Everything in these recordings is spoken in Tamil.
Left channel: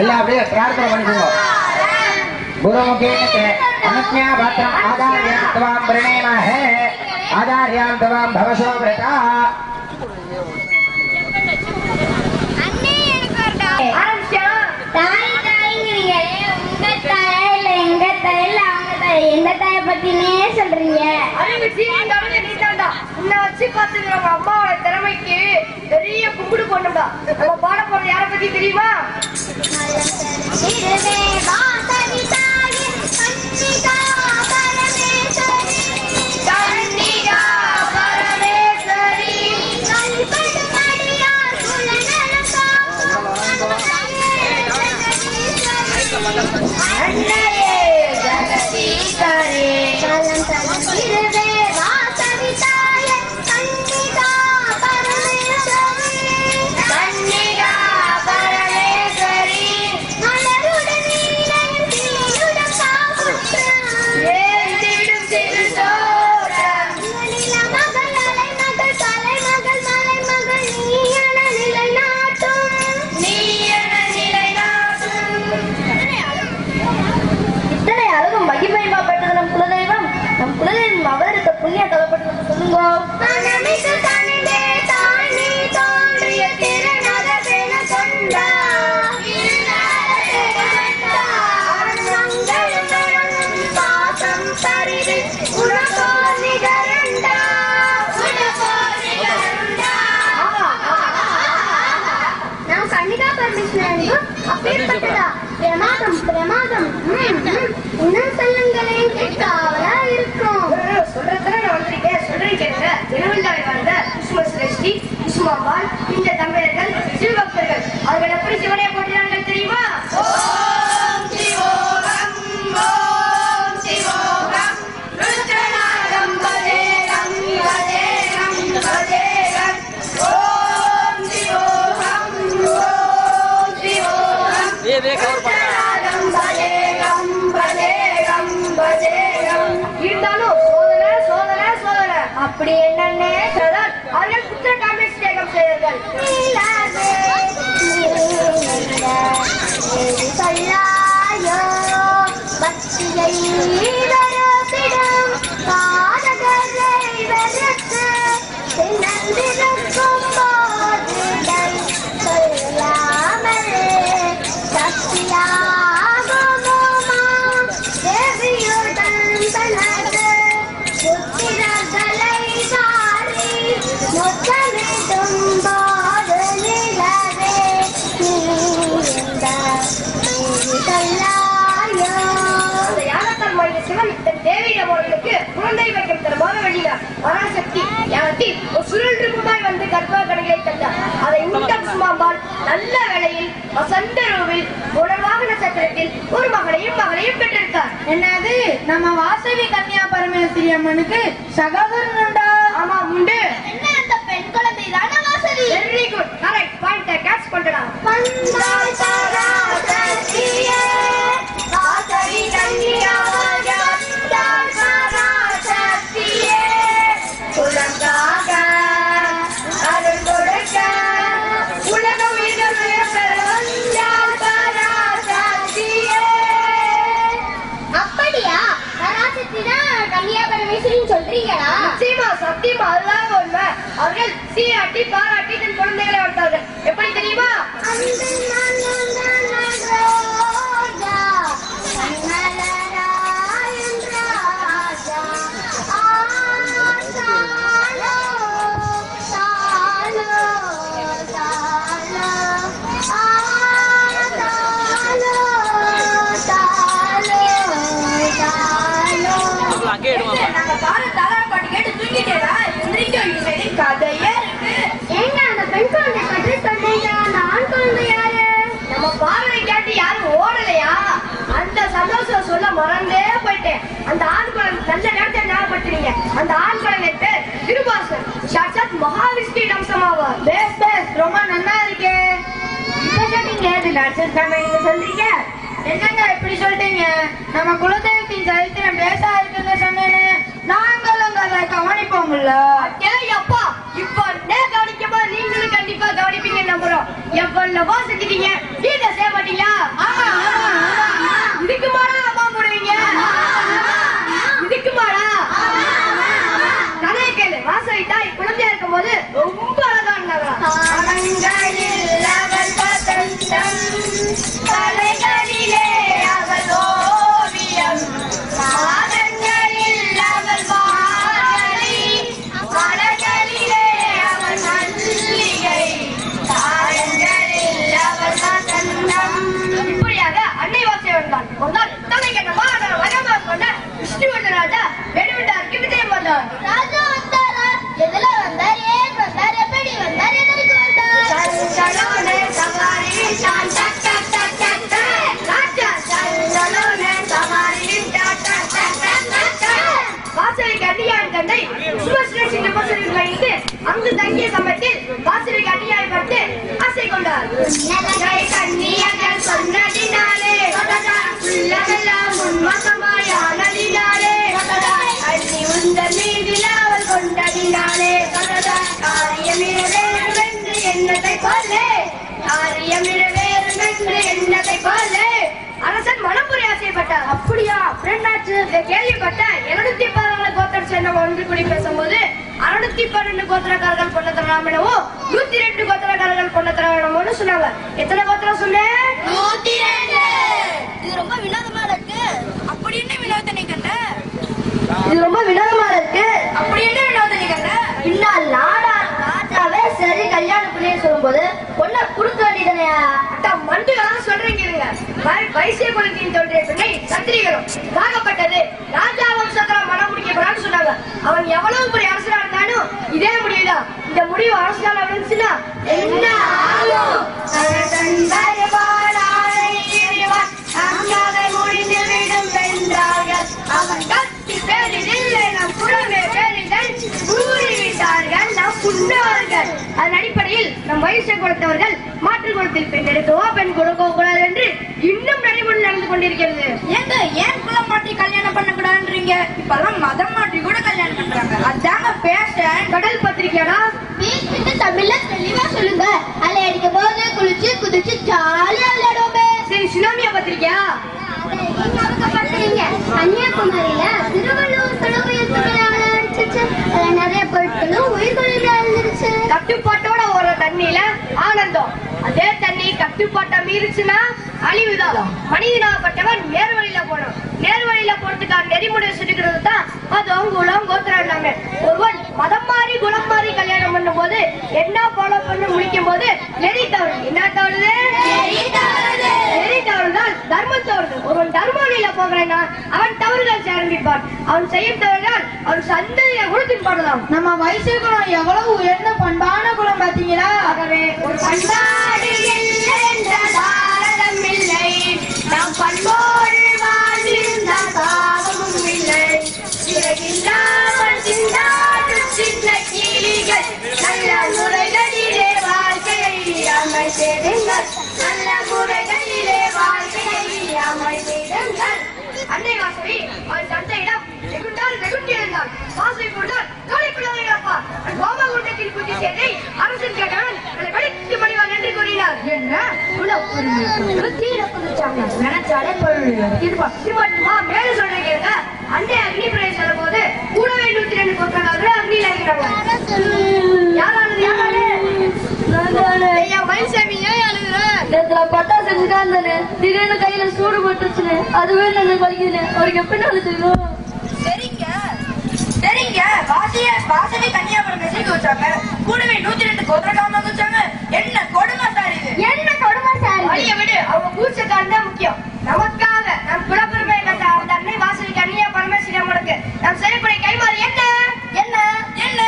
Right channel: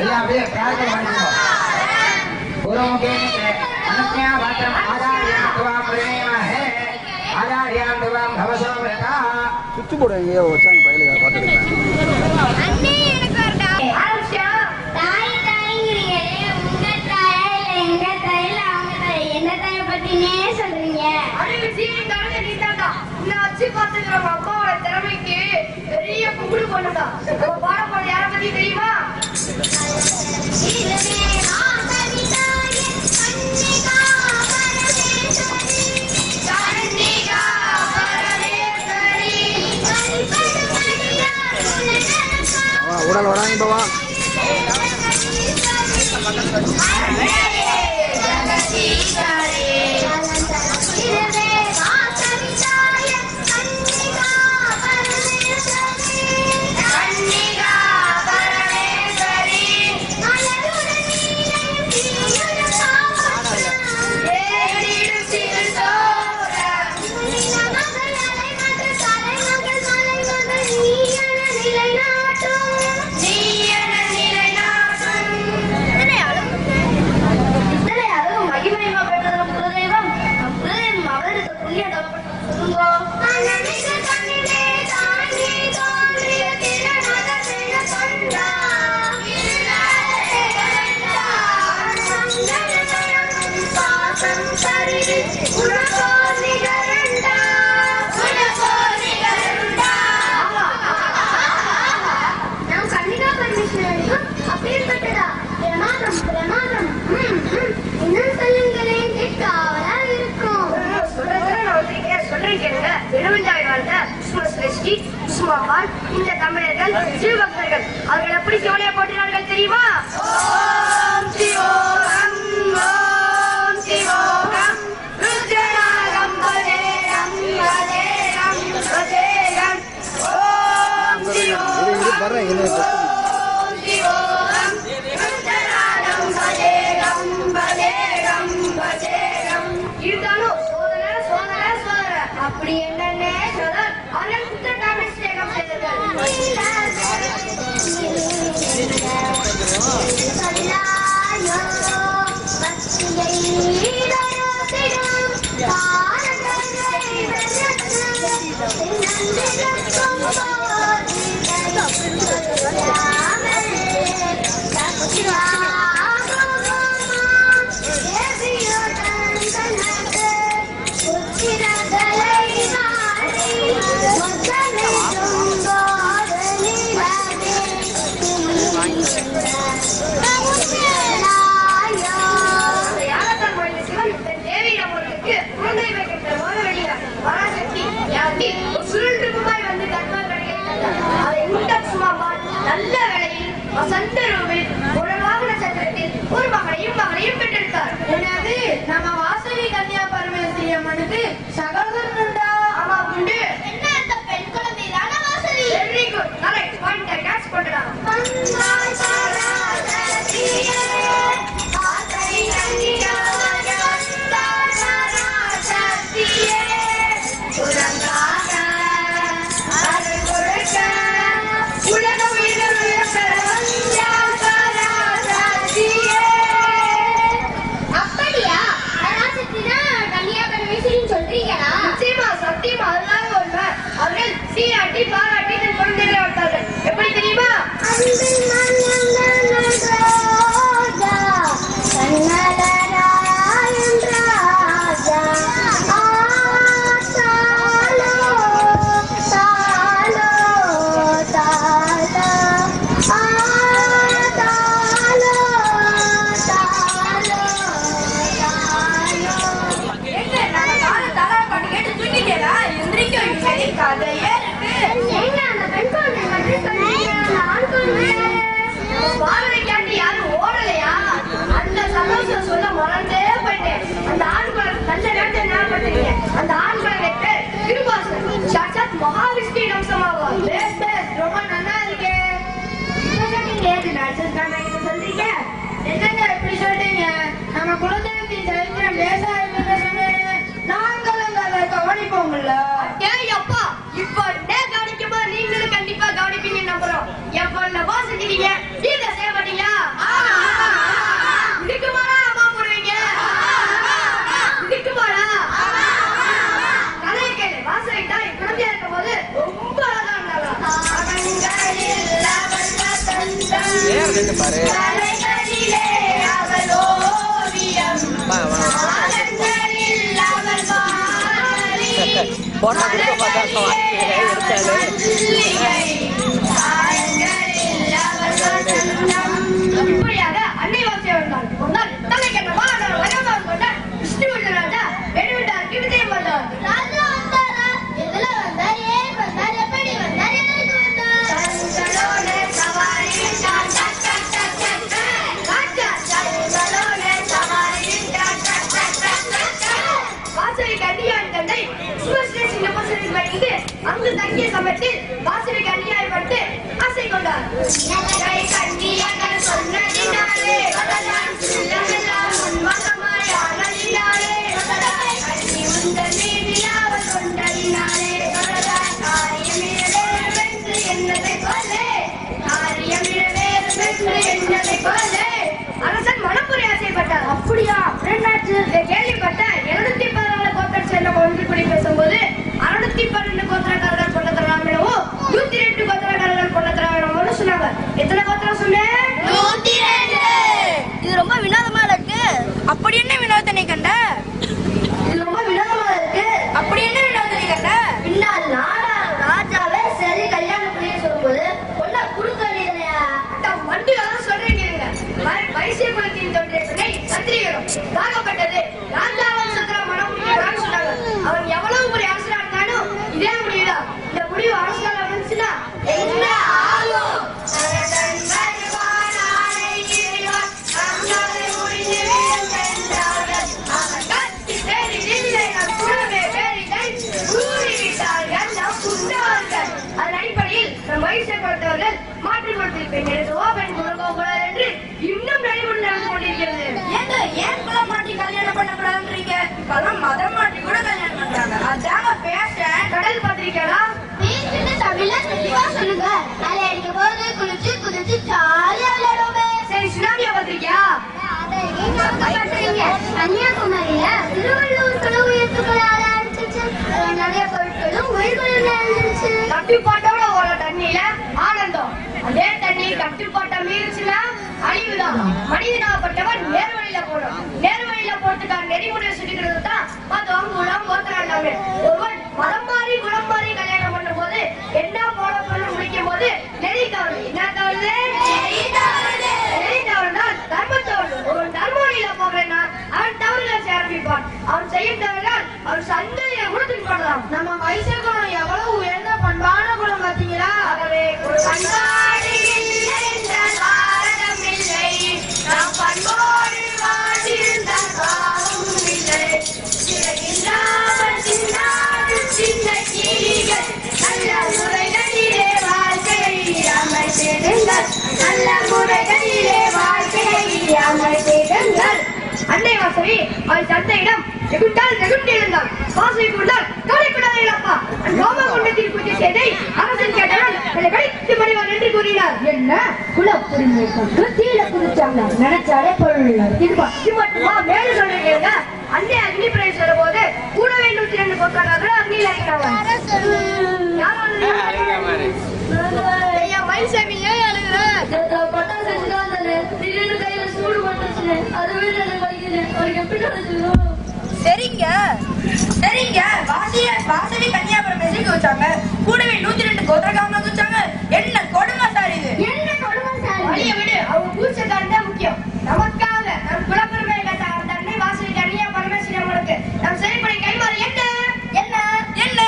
எல்லாம் அப்படியே பிரார்த்தனை பண்ணிக்கோங்க. குருமுகேன அனஸ்யா பத்ரம் ஆச்சார்யாம் தவாம் பிரணேமஹே ஆச்சார்யாம் தவாம் பவசோ விரதா. அண்ணே எனக்கு வரடா. ஆரம்பிச்சா தாய் தாய்ங்கறீங்களே, உங்க தாய் இல்ல எங்க தாய் இல்ல அவங்க தாய், எந்த தாயை பத்தினே சொல்றீங்க? அறிவு சீனிட்டாலும் நீ தான்டா. உன்னை வச்சு பார்த்துக்கிற நம்ம அம்மாவோட திறமைக்கு பெரிய கும்பிடு போட்டோம்டா. நம்ம பாட போறது யாரை பத்தி தெரியுமா? இந்த தமிழர்கள் சிவபக்தர்கள் அவர்கள் எப்படி சிவனையை போட்டினார்கள் தெரியுமா? ஓம் சிவோகம் ஓம் சிவோகம் ருத்ரநாகம் பதேகம் பதேகம் பதேகம் ஓம் சிவோகம் ஓம் சிவோகம் ருத்ரநாகம் பதேகம் பதேகம் பதேகம். இருந்தாலும் சோதனை சோதனை சோதனை அப்படி என்னன்னே அவர்கள் குற்ற காமெடி சேகம் செய்தார்கள். நல்ல வேளையில் வசந்த ரூபில் உணவாக நட்சத்திரத்தில் ஒரு மகளையும் மகளையும் பெற்றிருக்கார். என்னது, நம்ம வாசவி கன்னியா பரமேஸ்வரி அம்மனுக்கு சகோதரன் உண்டா? ஆமா உண்டு. என்ன அந்த பெண் குழந்தை தானே Vasavi? Very good, correct point catch பண்றா. சத்தியமா அதுதான் உண்மை. அவர்கள் சீராட்டி பாராட்டி தன் குழந்தைகளை வளர்த்தார்கள். எப்படி தெரியுமா? சொல்ல மறந்தே போயிட்டேன். அந்த ஆண் குழந்தை நல்ல நேரத்தை ஞாபகப்படுத்துறீங்க. அந்த ஆண் குழந்தை பேர் திருவாசன். சாட்சாத் மகாவிஷ்ணு அம்சமாவார். ரொம்ப நல்லா இருக்கே. சொல்றீங்க என்னங்க இப்படி சொல்றீங்க? நம்ம குலதெய்வத்தி சரித்திரம் பேச இருக்குன்னு சொன்னேன்னு நாங்களும் அதை கவனிப்போம்ல. அப்பா இப்போ கவனிக்கும்போது நீங்களும் கண்டிப்பா கவனிப்பீங்க நம்புறோம். எவ்வளவோ செஞ்சுட்டீங்க, நீங்க செய்ய மாட்டீங்களா? கலைகளிலே அவள் ஓவியம் நாடங்களில் அவள் மாறி மலர்களிலே அவள் மல்லிகை தாளங்களில் அவள் வசந்தம். இப்படியாக அன்னை வாசிய வந்தார். ஒரு நாள் தலை கெட்ட மாணவர் வயதாக கொண்ட விஷ்ணுவர்தன் ராஜா வெளிவிட்டாருக்கு விஜயம் வந்தார். ராஜா வந்தாரா? எதுல வந்தார்? ஏன் வந்தார்? எப்படி வந்தார்? எதற்கு வந்தார்? சஞ்சலோனே சவாரி டான் டக் டக் டக் டக் டக். ராஜா சஞ்சலோனே சவாரி டான் டக் டக் டக் டக் டக். வாசலுக்கு அடியான் தந்தை சுபஸ்ரேஷன் உபசரில் வைத்து அங்கு தங்கிய சமயத்தில் வாசலுக்கு அடியாய்ப்பட்டு ஆசை கொண்டார். கை கண்ணியர்கள் சொன்னதினாலே உள்ளமெல்லாம் உன்மகமாய் ஆனதினாலே அடி உந்தன் மீதில் அவள் கொண்டதினாலே காரியமிழவேறும் என்று எண்ணத்தை கொல்லே காரியமிழவேறும் என்று எண்ணத்தை கொல்லே. அரசன் மனப்புரி ஆசைப்பட்டார். அப்படியா? என்னாச்சு? கேள்விப்பட்ட 712 கோத்திரம் சேர்ந்தவங்க ஒன்று கூடி பேசும்போது 612 கோத்திரக்காரர்கள் பொண்ண தரலாம் எனவும் 102 கோத்திரக்காரர்கள் பொண்ண தரலாம் சொன்னாங்க. எத்தனை கோத்திரம் சொன்னேன்? 102. இது ரொம்ப வினோதமா இருக்கு. அப்படி என்ன வினோதனை கண்ட? இது ரொம்ப வினோதமா இருக்கு. அப்படி என்ன வினோதனை கண்ட? பின்னால் நாடா ராஜாவே சரி கல்யாணம் பண்ணி சொல்லும்போது பொண்ணை கொடுக்க வேண்டியதுனையா? மண்டு யாரும் சொல்றீங்க. வைசிய குலத்தின் தோன்றிய பெண்ணை சத்திரிகளும் தாக்கப்பட்டது ராஜா வம்சத்தால் மனம் முடிக்கப்படான்னு சொன்னாங்க. அவன் எவ்வளவு பெரிய அரசனா இருந்தாலும் இதே முடிவுதான். இந்த முடிவு அரசால் வந்துச்சுன்னா என்ன ஆகும்? அதன் அடிப்படையில் நம் வைசிய குலத்தவர்கள் மாற்று குலத்தில் பெண் எடுக்கவோ பெண் கொடுக்கவோ கூடாது என்று இன்னும் நடைமுறை நடந்து கொண்டிருக்கிறது. ஏன் குலம் மாற்றி கல்யாணம் பண்ணக்கூடாதுன்றீங்க? இப்பெல்லாம் மதம் மாற்றி கூட கல்யாணம் பண்றாங்க. அதாங்க பேஷன். கடல் பத்திரிக்கைடா வீட்டுக்கு தமிழ்ல தெளிவா சொல்லுங்க. அதை அடிக்கும் போது குளிச்சு குதிச்சு ஜாலியா விளையாடுவோமே. சரி சுனாமியா பத்திரிக்கையா? அதை நீங்க பண்றீங்க. கன்னியாகுமரியில திருவள்ளுவர் சிலை உயர்த்துகிறாரு. நிறைய பொருட்களும் உயிர்களும் இருந்துச்சு. கட்டுப்பாட்டோட ஒரு தண்ணியில ஆனந்தம். அதே தண்ணி கட்டுப்பாட்டை மீறிச்சுன்னா அழிவுதான். மனிதனாகப்பட்டவன் நேர்வழியில போடும். நேர்வழியில போறதுக்கான நெறிமுறை சுட்டுக்கிறது தான் அதுவும் குலம் கோத்திரம். ஒருவன் மதம் மாறி குலம் மாறி கல்யாணம் பண்ணும் போது என்ன ஃபாலோ பண்ண முடிக்கும் போது நெறி தவறு. என்ன தவறு? நெறி தவறுதான் தர்மம் தவறு. ஒருவன் தர்ம வழியில போகிறேன்னா அவன் தவறுகள் செய்ய ஆரம்பிப்பான். அவன் செய்யும் தவறுதான் அவன் சந்தையில கொடுத்துட்டு போடலாம். நம்ம வைசிய குலம் எவ்வளவு உயர்ந்த பண்பான குலம் பாத்தீங்களா? ஆகவே ஒரு பண்பாடு என்ற பாரதம் இல்லை. நாம் பண்போடு வாழ்ந்திருந்தால் பாவமும் இல்லை. சிறகில்லாமல் சிந்தாடும் சின்ன கிளிகள் நல்ல முறைகளிலே வாழ்க்கையை அமைத்திடுங்கள். நல்ல முறைகளிலே வாழ்க்கையை அமைத்திடுங்கள். அன்னை வாசவி அவள் தந்தையிடம் வெகுண்டால் வெகுண்டிருந்தாள். வாசவி கூர்ந்தால் கவலைப்படாதே அப்பா. அந்த கோபா குண்டத்தின் பூஜை செய்தை அரசன் கேட்டவன் என்னை கடித்து மணிவார் என்று கூறினார். என்ன குலம் தீர குளிச்சாங்க நினைச்சாலே பொருள் இருப்பா. மேல சொல்றீங்க. அன்னை அக்னி பிரவேசம் சொல்லும் போது கூடவே 102 கோத்திரக்காரர்கள் அக்னியில் மயில்சாமி ஏன் அழுகுற? பட்டா செஞ்சுதான் திடீர்னு கையில சூடு பட்டுச்சு. அதுவே எனக்கு வலிக்குது. அவருக்கு எப்படி அழுதுக்கும்? சரிங்க சரிங்க. வாசனை கன்னியாகுமரி மெசேஜ் வச்சாங்க. கூடவே 102 கோத்திரக்காரங்க வச்சாங்க. என்ன கொடுமை சார் இது? என்ன கொடுமை சார்? வழிய விடு. அவங்க கூச்சக்காரன் தான் முக்கியம். நமக்காக நம் குலப்பெருமை கத்த அன்னை வாசனை கன்னியா பரமேஸ்வரி அவங்களுக்கு நம் சிறைப்படை கைமாறு என்ன என்ன என்ன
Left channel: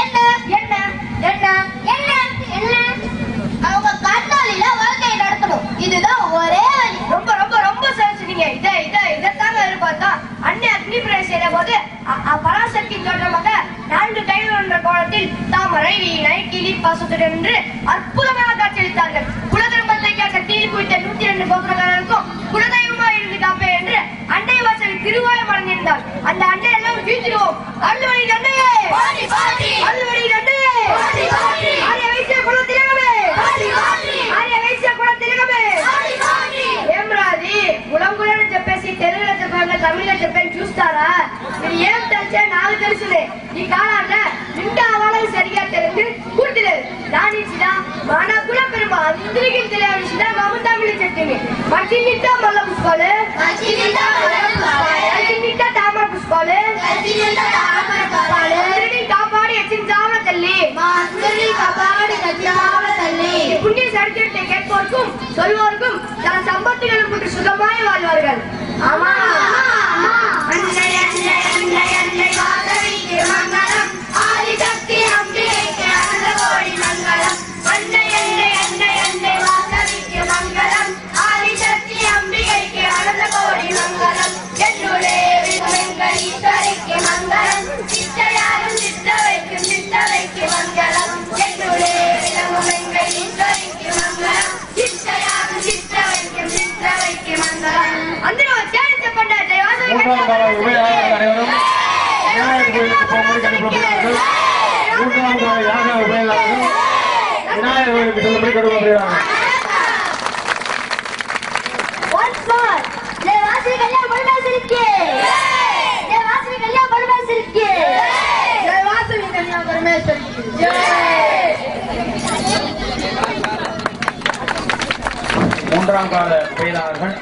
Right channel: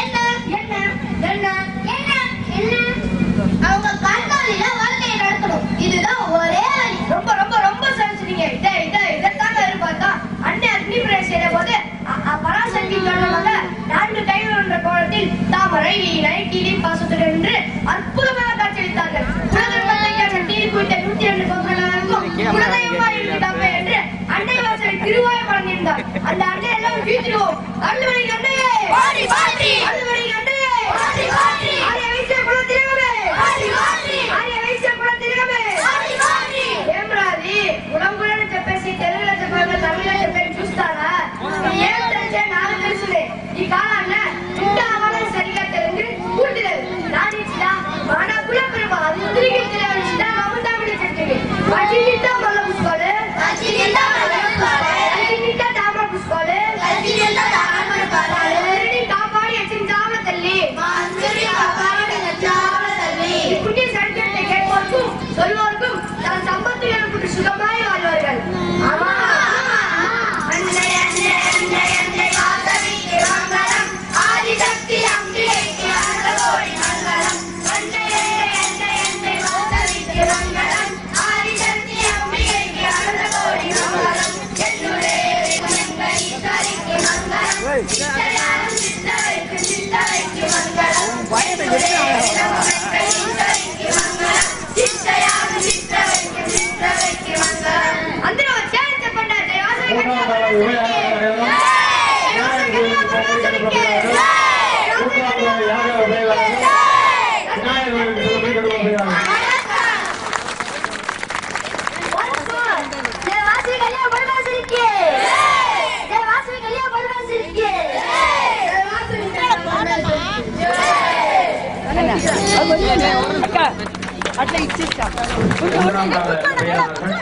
என்ன என்ன என்ன என்ன என்ன அவங்க கண்காலில வாழ்க்கையை நடத்தணும். இதுதான் ஒரே வழி. ரொம்ப ரொம்ப ரொம்ப சரிச்சுட்டீங்க. இதைத்தாங்க எதிர்பார்த்தா அன்னை அக்னி பிரவேசம் செய்த போது பராசக்தி சொன்னவங்க 4 கைகள் என்ற கோலத்தில் தாமரை வீணை கிளி பாசத்துடன் என்று அற்புதமாக காட்சியளித்தார்கள். உலகம் தீர்ப்பு விட்ட 102 கோத்திரங்களுக்கும் மச்சினிட்ட மல்ல புஷ்பாலு மச்சினிட்ட தாமர புஷ்பாலு காப்பாடி எச்சின் சாவல தள்ளி புண்ணிய சரித்திரத்தை கேட்போருக்கும் சொல்வோருக்கும் தன் சம்பத்திகள் கொண்டு சுகமாய் வாழ்வார்கள். ஆமா மூன்றாம் கால பேராளர்கள்